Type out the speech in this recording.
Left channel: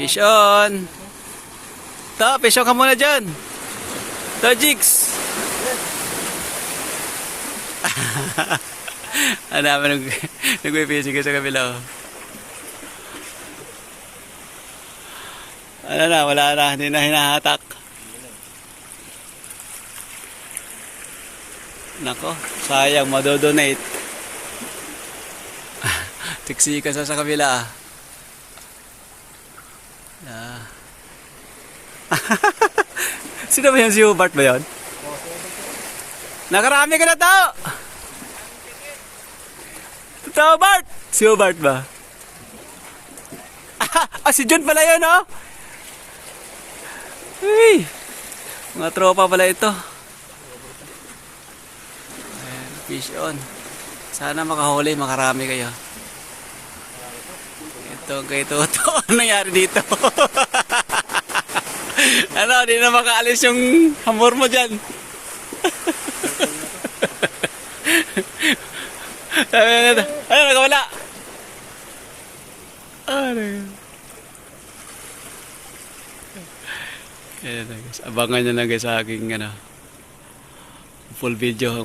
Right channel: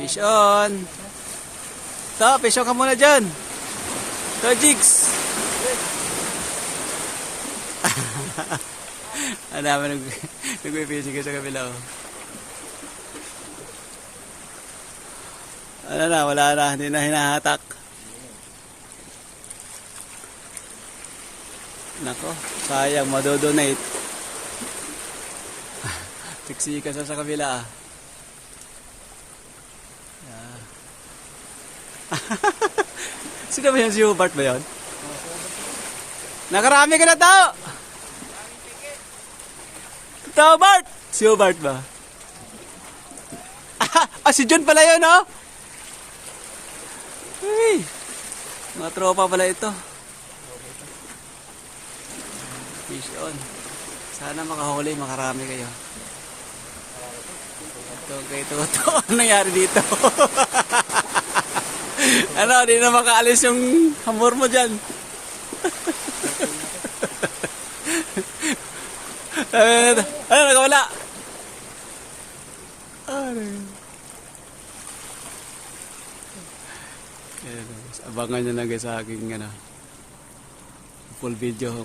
Fish on. Ta, fish on ka muna dyan. Ta, Jigs. Ano naman nagpipishing ka sa kabila. Ano na, wala na. Hindi na hinahatak. Nako, sayang madodonate. Tiksi ka sa kabila. Sino ba yun? Si Hubert ba yun? Nakarami ka na tao! Tao, Bart! Si Hubert ba? Si John pala yun, oh! Hey! Mga tropa pala ito. Fish on. Sana makahuli, makarami kayo. Ito kay Toto. Ano nangyari dito? Ano, di na makaalis yung hamor mo dyan. Ano, nakawala? Ano yun? Abangan nyo na guys sa aking full video.